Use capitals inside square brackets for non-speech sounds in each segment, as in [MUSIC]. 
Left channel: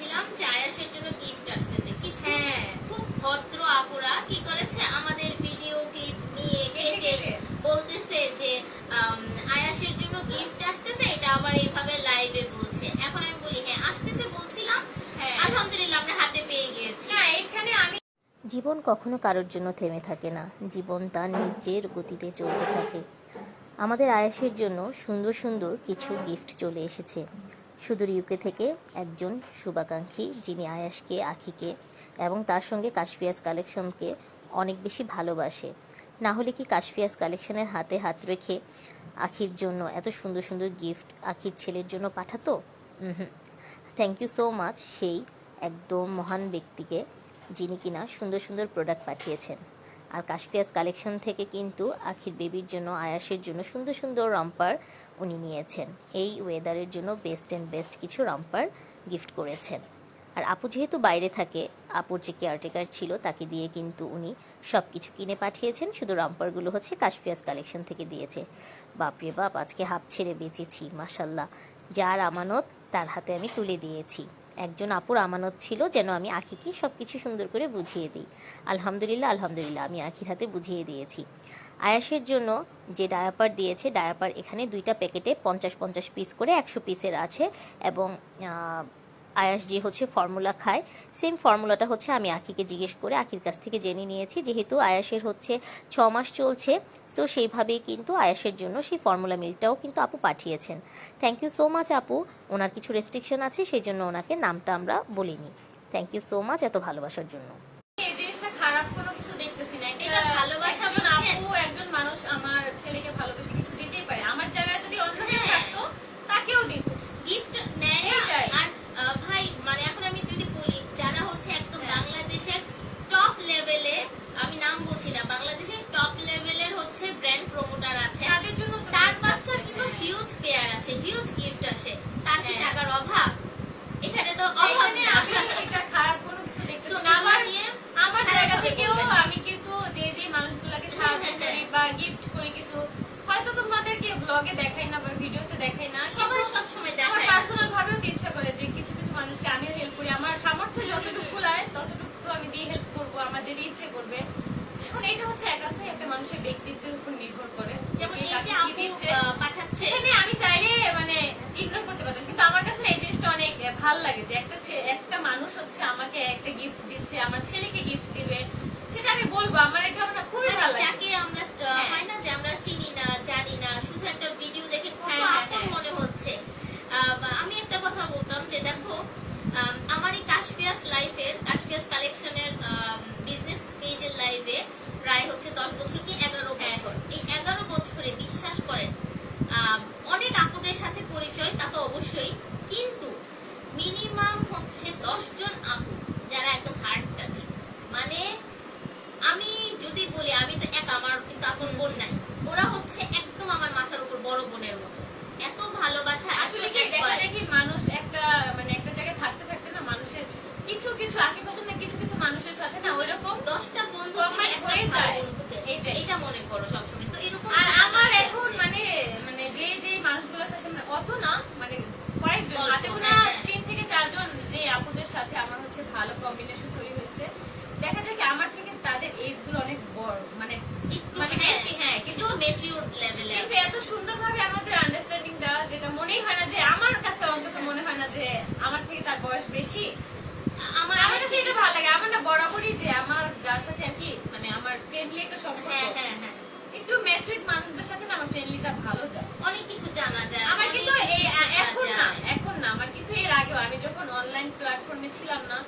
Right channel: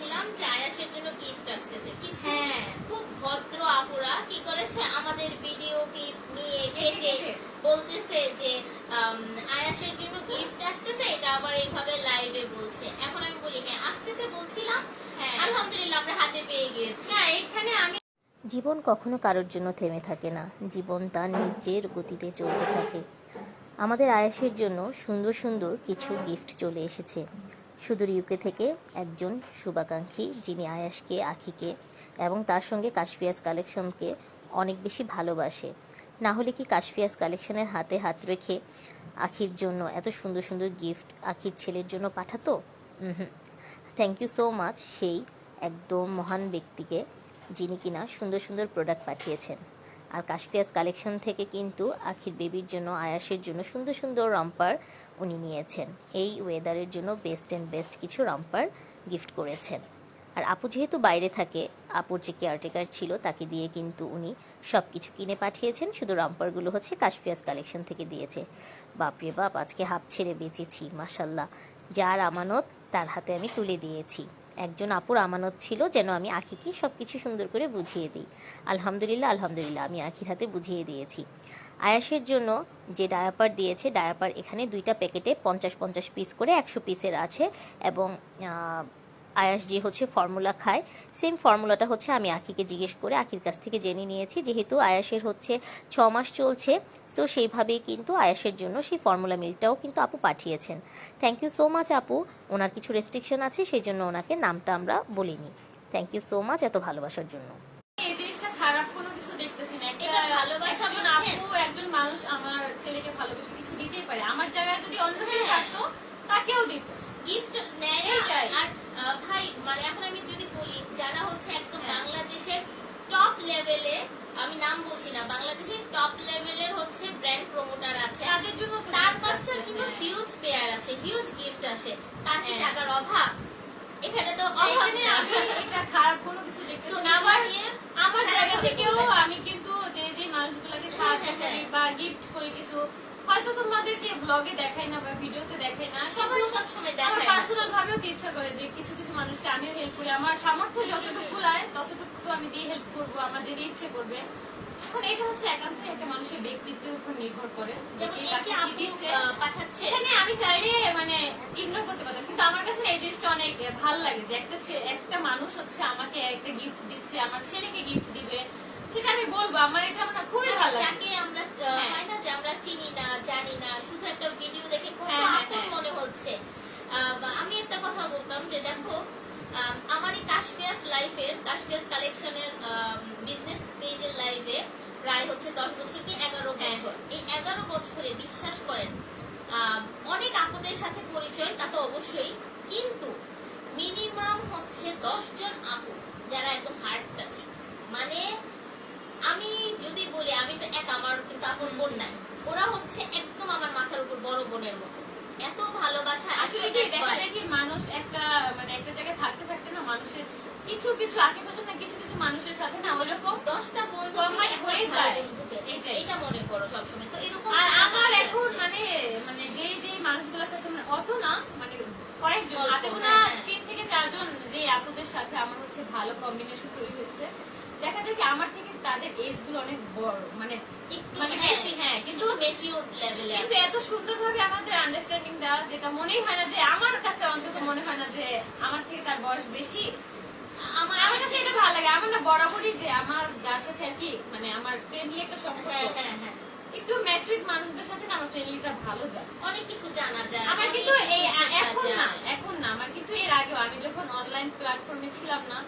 বলছিলাম যে আয়াসের জন্য গিফট আসতেছে। কিছু হ্যাঁ। খুব ভদ্র আপুরা কি করেছে? আমাদের ভিডিও ক্লিপ নিয়ে কেটে। বলতেছে যে আয়াসের জন্য গিফট আসতেছে এটা আবার এইভাবে লাইভে বলছে। এখন আমি বলি হ্যাঁ আসতেছে বলছিলাম। হ্যাঁ। আলহামদুলিল্লাহ আমরা হাতে পেয়ে গিয়েছি। না এখানে আমি জীবন কখনো কারোর জন্য থেমে থাকে না। জীবন তার নিজের গতিতে চলতে থাকে। আমাদের আয়াসের জন্য সুন্দর সুন্দর কিছু গিফট চলে এসেছে। সুদূর ইউকে থেকে একজন শুভাকাঙ্ক্ষী যিনি আয়াসকে আখিকে এবং তার সঙ্গে কাশফিয়াস কালেকশনকে অনেক বেশি ভালোবাসে। না হলে কি কাশফিয়াস কালেকশনের হাতে হাত রেখে আখির জন্য এত সুন্দর সুন্দর গিফট আখির ছেলের জন্য পাঠাতো? হুম। থ্যাংক ইউ সো মাচ সেই একদম মহান ব্যক্তিকে যিনি কিনা সুন্দর সুন্দর প্রোডাক্ট পাঠিয়েছেন। আর কাশফিয়াস কালেকশন থেকে কিন্তু আখির বেবির জন্য, আয়াসের জন্য সুন্দর সুন্দর রাম্পার উনি নিয়েছেন। এই ওয়েদারের জন্য বেস্ট অ্যান্ড বেস্ট কিছু রাম্পার গিফট করেছেন। আর আপু যেহেতু বাইরে থাকে, আপুর যে কেয়ারটেকার ছিল তাকে দিয়ে কিন্তু উনি সব কিছু কিনে পাঠিয়েছেন। শুধু রাম্পারগুলো হচ্ছে কাশফিয়াস কালেকশন থেকে দিয়েছে। বাপরে বাপ, আজকে হাফ ছেড়ে বেঁচেছি মাসাল্লাহ যার আমানত তার হাতে আমি তুলে দিয়েছি। একজন আপুর আমানত ছিল যেন আমি আখিকে সব কিছু সুন্দর করে বুঝিয়ে দিই। আলহামদুলিল্লাহ আলহামদুলিল্লাহ, আমি আখির হাতে বুঝিয়ে দিয়েছি। আয়াসের জন্য যে ডায়াপার দিয়েছে, ডায়াপার এখানে দুইটা প্যাকেটে পঞ্চাশ পঞ্চাশ পিস করে একশো পিসের আছে এবং আয়াস যে হচ্ছে ফর্মুলা খায়। সেম ফর্মুলাটা হচ্ছে আমি আখিকে জিজ্ঞেস করে আখির কাছ থেকে জেনে নিয়েছি যেহেতু আয়াসের হচ্ছে ছ মাস চলছে সো সেইভাবেই কিন্তু আয়াসের জন্য সেই ফর্মুলা মিলটাও কিন্তু আপু পাঠিয়েছেন। থ্যাংক ইউ সো মাচ আপু। ওনার কিছু রেস্ট্রিকশন আছে সেই জন্য ওনাকে নামটা আমরা বলিনি। থ্যাংক ইউ সো মাচ এত ভালোবাসার জন্য। এই জিনিসটা খারাপ কোনো কিছু দেখতেছি না। এটা ভালোবাসা আপু একজন মানুষ আমার ছেলেকে ভালোবেসে কিছু দিতেই পারে। আমার জায়গায় যদি অন্য কেউ। থাকতো তাকেও দিত। গিফট নেয় না এটাই। আর আহ, ভাই মানে এখন আমি যদি বলি যারা হচ্ছে একদম হ্যাঁ। বাংলাদেশের টপ লেভেলে আমি নাম বলছি না বাংলাদেশের টপ লেভেলের হচ্ছে ব্র্যান্ড প্রমোটার আছে। তাদের জন্য তার বাচ্চার জন্য হ্যাঁ। হিউজ পেয়ার আসে হিউজ গিফট আসে। তার কি হ্যাঁ। টাকার অভাব? এখানে তো অভাব না আমি এটা খারাপ কোনো কিছু না। আমার আমার জায়গা থেকেও আমি কিন্তু যে যে মানুষগুলোকে সাহায্য হ্যাঁ, হ্যাঁ, করি বা গিফট করি কিছু হয়তো তোমাদেরকে ব্লগে দেখাই না বা ভিডিওতে দেখাই না সবাই সবসময় আমার দেখায়। পার্সোনাল ভাবেও ইচ্ছা করে যে কিছু কিছু মানুষকে আমিও হেল্প করি। আমার সামর্থ্য যতটুকু কুলায় ততটুকু তো আমি দিয়ে হেল্প আমার যেটা ইচ্ছে করবে। এখন এটা হচ্ছে একান্তই একটা মানুষের ব্যক্তিত্বের উপর নির্ভর করে যেমন এই যে কি আপু দিচ্ছে। আহ, পাঠাচ্ছে। এখানে আমি চাইলে মানে ইগনোর করতে পারতাম। কিন্তু আমার কাছে এই জিনিসটা অনেক ভালো লাগে যে একটা একটা মানুষ হচ্ছে আমাকে একটা গিফট দিচ্ছে আমার ছেলেকে গিফট দিবে। সেটা আমি বলব। আমার এটা মানে খুবই ভালো লাগে। যাকে আমরা হ্যাঁ। হয় না যে আমরা চিনি না জানি না শুধু একটা ভিডিও দেখে কত হ্যাঁ, হ্যাঁ, আপন। মনে হচ্ছে। আহ, আমি একটা কথা বলতাম যে দেখো আমার এই কাশফিয়াস লাইফের কালেকশনের বিজনেস পেজের লাইভে প্রায় হচ্ছে দশ বছর কি এগারো হ্যাঁ। বছর এই এগারো বছরে বিশ্বাস করেন অনেক আপুদের সাথে পরিচয় তা তো অবশ্যই কিন্তু মিনিমাম হচ্ছে দশ জন আপু যারা একদম হার্ড টাচিং মানে আমি যদি বলি আমি তো এক আমার কিন্তু আপন বোন নাই ওরা হচ্ছে একদম আমার মাথার উপর বড় বোনের মতো এত ভালোবাসা আসলে কি দেখা যায় কি মানুষ একটা মানে একটা জায়গায় থাকতে থাকতে না মানুষের কিছু কিছু আশেপাশে না কিছু কিছু মানুষের সাথে না ওইরকম দশটা বন্ধু কমাই থেকে একটা হয়ে যায়। বন্ধু পেয়েছে। এইটাই। এটা মনে করো সবসময় তো এরকম আর আমার আমার এখন মানে মানে যে যে মানুষগুলোর সাথে মানে অত না মানে কয়েকজন হাতে গোনা হ্যাঁ, হ্যাঁ। তিন থেকে চারজন যে আপুদের সাথে আমার হচ্ছে ভালো কম্বিনেশন তৈরি হয়েছে দেখা যায় কি আমার থেকে তাদের এজগুলো অনেক বড় মানে একটু মানে হ্যাঁ, বেশি হ্যাঁ কিন্তু কিন্তু মেচিউর লেভেলে কিন্তু এত সুন্দরভাবে আমাদের আন্ডারস্ট্যান্ডিং যেটা মনেই হয় না যে আমার কাছে অন্তত মনে হয় না যে আমার থেকে তার বয়স বেশি আমার আমার কাছে এটা ভালো লাগে। আমার না বরাবরই যে আমার যার সাথে আর কি মানে আমার ফ্রেন্ডলি একটা সম্পর্ক। হ্যাঁ হ্যাঁ একটু ম্যাচুইড মানুষদের সাথে না আমার ফ্রেন্ডলিটা ভালো যায়। অনেক কিছু জানা যায়। আমার কিন্তু কিছু এই শেখা এখন না এখন না। আমার কিন্তু এর আগেও আমি যখন অনলাইন প্ল্যাটফর্মে ছিলাম না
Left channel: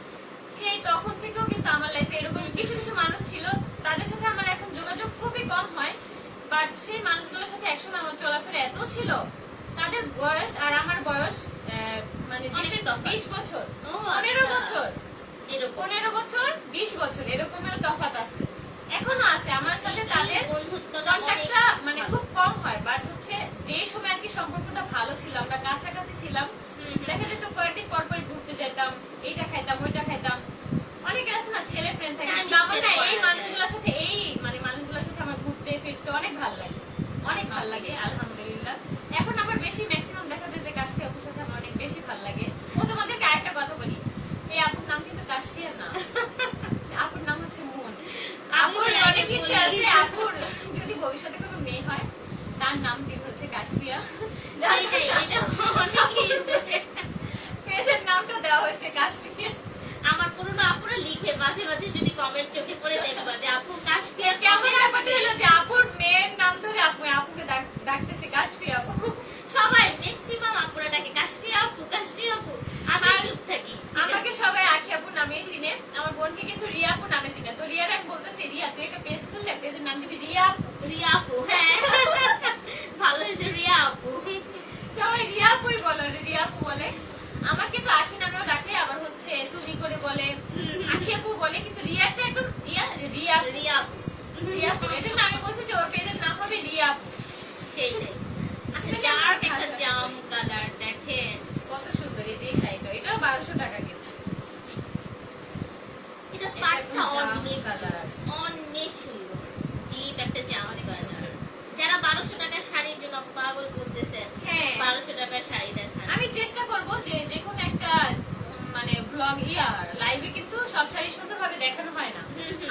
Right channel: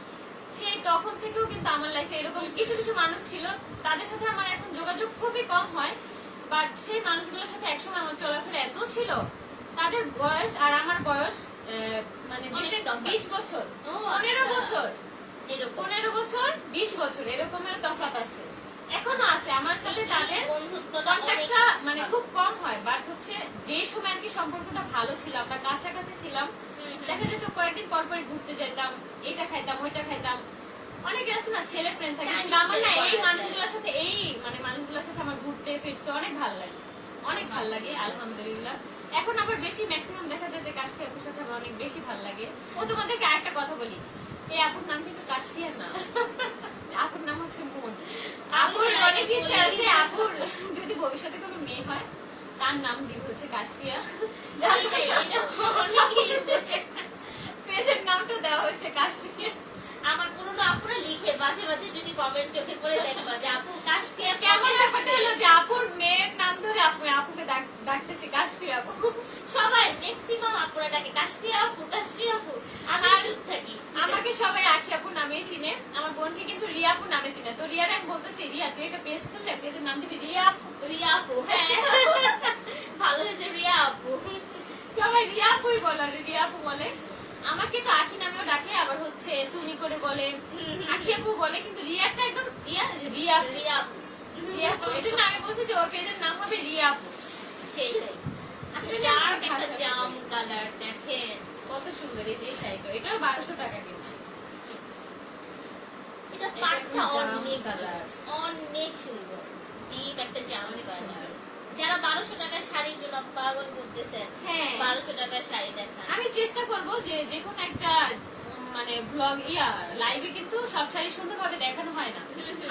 সেই তখন থেকেও কিন্তু আমার লাইফে এরকম কিছু কিছু মানুষ ছিল। তাদের সাথে আমার এখন যোগাযোগ খুবই কম হয়। বাট সেই মানুষগুলোর সাথে একসময় আমার চলাফেরা এত ছিল। তাদের বয়স আর আমার বয়স মানে বিশ বছর। পনেরো আচ্ছা। বছর। পনেরো বছর বিশ বছর এরকমের তফাৎ আছে। এখনও আছে আমার সাথে তাদের কন্ট্যাক্টটা মানে খুব কম হয় বাট হচ্ছে যে সময় আর কি সম্পর্কটা ভালো ছিল আমরা কাছাকাছি ছিলাম। দেখা যেত কয়েকদিন পর পরে ঘুরতে যেতাম এইটা খাইতাম ওইটা খাইতাম। অনেকের আছে না ছেলে ফ্রেন্ড থাকে আমার না এই মানুষগুলোর সাথে এই মানে মানুষগুলোর সাথে আমার ঘুরতে ফিরতে অনেক ভালো লাগে। অনেক ভালো লাগে আলহামদুলিল্লাহ। রেগুলার এখন আবার বেশি ম্যাক্সিমাম দেখা যায় যে কাশফি আপুর সাথে আমার অনেক বেশি ভালো লাগে। ও তোমাদেরকে আরেকটা কথা বলি। এই আপুর নাম কিন্তু কাশফিয়া না আপুর নাম হচ্ছে মন। আপুর অনেক ইচ্ছে আছে আপুর। যদি ভবিষ্যতে কোনো মেয়ে হয় তার নাম দিব হচ্ছে কাশফিয়া ডাকতেছে কাশপিয়া আপু। সবাই ম্যাক্সিমাম আপুরা ডাকে কাশ্মীর আপু কাশ্মীর আপু আমি চুপ থাকি আমাকে সবাই আখি আপু নামেই চিনে। আমার বোনকে কিন্তু রিয়া আপু নামে চিনে। তো রিয়ার আমি বলতেছি রিয়া তুই একটা পেজ খুললে পেজের নাম দিবি রিয়া আপু। রিয়া আপু হ্যাঁ। ভালো হয়েছে রিয়া আপু। সবাই রিয়া আপুই বলে রিয়া আপু বলে। আমাকে তো আখি নামেও ডাকে আবার হচ্ছে তুমি করে বলে। আখি আপু বলে কিন্তু রিয়াটা একদম রিয়া রিয়া রিয়া রিয়া আপু। এই জন্য আমি বলছি যে ওর পেজের নাম হবে রিয়া আপু। সেইটাই আচ্ছা আসলে একটা জাম কালার দেখেন কত সুন্দর এই যে শাড়িটা এটাও বারোশো টাকা কিন্তু এটা এটা পাটটা অনেক কালার। অনেক সুন্দর। ডিপ একটা জাম কালার। যারা বারোশো টাকার শাড়ির জন্য পাগল করতেছে হ্যাঁ। বারোশো টাকার শাড়ি দেখান। আমি চেষ্টা করব যে যে কোনো একটা ব্লগ ইয়া লাইভে কিন্তু সব শাড়ি সুন্দরভাবে দেখানো হয় না।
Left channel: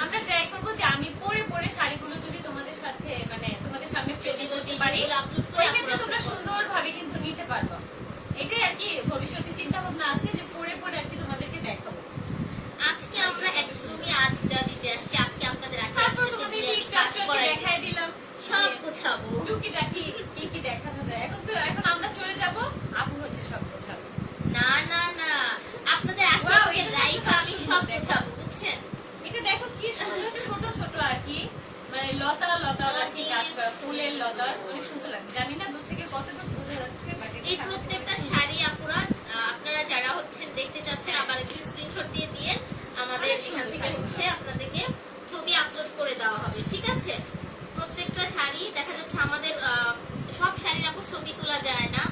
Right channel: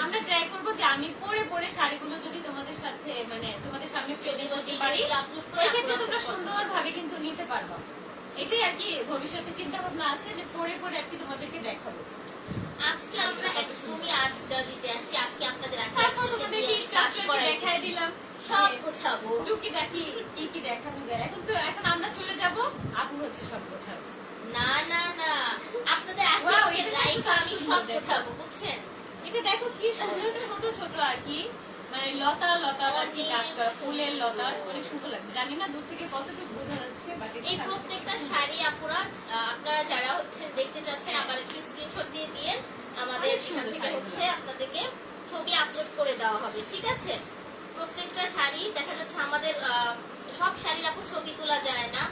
আমরা ট্রাই করব যে আমি পরে পরে শাড়িগুলো যদি তোমাদের সাথে মানে তোমাদের সামনে ছবি করতে পারি ভিডিওগুলো upload করে ওই ক্ষেত্রে upload তোমরা সুন্দরভাবে কিন্তু নিতে পারব। এটাই আর কি ভবিষ্যতে চিন্তা ভাবনা আছে যে পরে পরে আর কি তোমাদেরকে দেখাবো। আজকে আমরা একদমই আড্ডা দিতে আসছি আজকে আপনাদের দেখাই দিলাম। সব গোছাবো। টুকিটাকি কি কি দেখানো যায়? এখন তো এখন আমরা চলে যাব আপু হচ্ছে সব গোছাবো না না না আপনাদের আগে Wow, ওই এটা লাইফ কিন্তু আমি সুন্দর সব দেখা। গোছাবো বুঝছেন এটা দেখো কি সুন্দর ছোট ছোট আর কি? মানে লতা লতা আর কি কাজ করা ফুলের লতা অনেক সুন্দর লাগে। জানি না দূর থেকে কতটুকু বোঝা যাচ্ছে বাট এই প্রত্যেকটা শাড়ি আপুরা আপনারা যারা হচ্ছেন দেখতে চাচ্ছেন আবার একটু স্ক্রিনশট দিয়ে দিয়ে আমাদের এখান থেকে হচ্ছে আপনাদেরকে ছবি আপলোড করে দেওয়া হবে ঠিক আছে? প্রত্যেকটা শাড়ি দেখা যাচ্ছে আমাদের সব শাড়ির আপু ছবি তোলা যায় না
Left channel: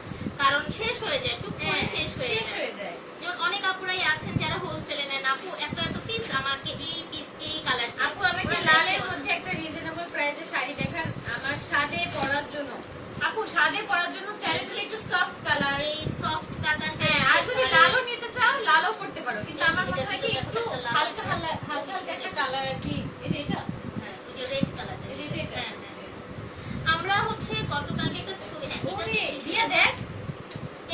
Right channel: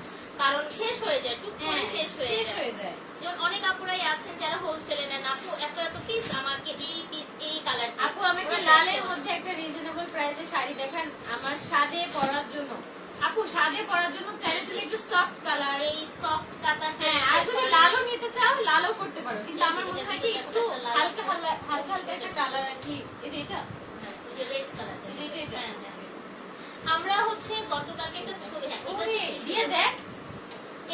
কারণ শেষ হয়ে যায় টুক করে হ্যাঁ, শেষ হয়ে যায়। যেমন অনেক আপুরাই আছেন যারা হোলসেলে নেন। আপু এত এত পিস আমাকে এই পিস এই কালার আপু আমাকে লালের মধ্যে একটা রিজনেবল প্রাইসে শাড়ি দেখান আমার সাদে পরার জন্য। আপু সাদে পরার জন্য চাইলে তুমি একটু সফট কালার এই সফট কাতান হ্যাঁ আর যদি লালও নিতে চাও লালও করতে পারো। কিন্তু আমার মনে হয় কি একটু হালকা হালকা হালকা একটা কালার আর কি। এই যে এটা? হ্যাঁ, রেড কালার। হ্যাঁ হ্যাঁ। আমরা হচ্ছে গতকালকে একটা ছবি হ্যাঁ, এটা ওরে হচ্ছে- দিয়ে দেখ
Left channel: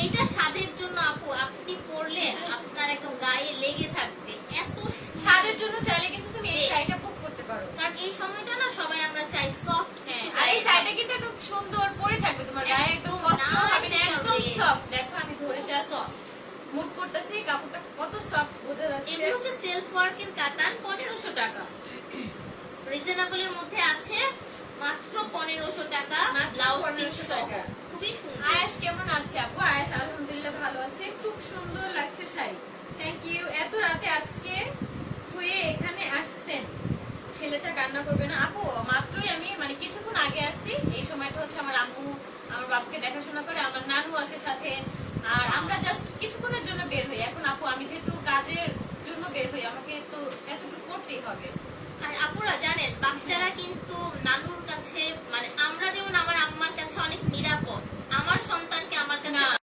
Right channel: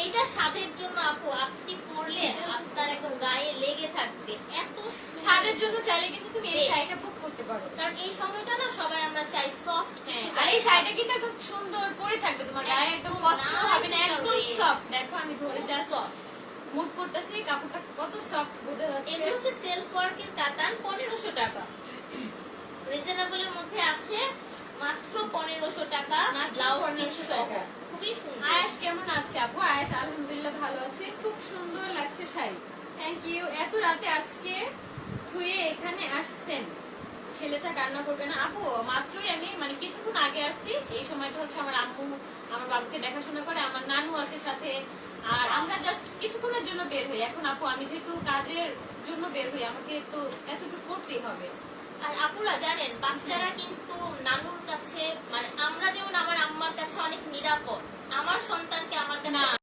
এইটা স্বাদের জন্য আপু আপনি পরলে আপনার একদম গায়ে লেগে থাকবে। এত সাদের জন্য চাইলে কিন্তু তুমি এই শাড়িটা বুক করতে পারো। কারণ এই সময়টা না সবাই আমরা চাই সফট হ্যাঁ, আর এই শাড়িটা কিন্তু একদম সুন্দর পরে থাকবে। তোমার গায়ে একদম কষ্ট হবে না একদম সফট দেখো আমি ধরে যা সফট মুড করতেছি কাপড়টা কত সফট বোঝা যাচ্ছে। এগুলো হচ্ছে সেলফ ওয়ার্কের কাতান পনেরোশো টাকা। [CLEARS THROAT] রিজনেবল এর মধ্যে আছে। মাত্র পনেরোশো টাকা ব্লাউজ 1500 সহ। খুবই সুন্দর। আয়াস কেমন আছে আপু? আয়াস আলহামদুলিল্লাহ ভালো আছে। খুব সুন্দর লাগছে শাড়ি। থ্যাংক ইউ এত রাতে আজকে ধুয়ে এখানে আসছেন। ছেলেটা কান্না করবে না। আপু মাত্রই আমি মানে কিছুক্ষণ আগে আসছি। এই সময়টা হচ্ছে আমার আম্মু আমার বাবুকে দেখাশোনা করে আমার নানু আছে সাথে। আর আমরা জাস্ট কিছুক্ষণের জন্য বের হই। এখন আপু আমি যেহেতু কাজের জন্য বের হই আমাকে তো এতটুকু করতেই হবে। আর আপুরা জানেন, বাচ্চারা কিন্তু নানুর কাছে মানে আমরা যেমন আমার আম্মার কাছে অনেক নিরাপদ, আমার সন্তানকে আমার কাছে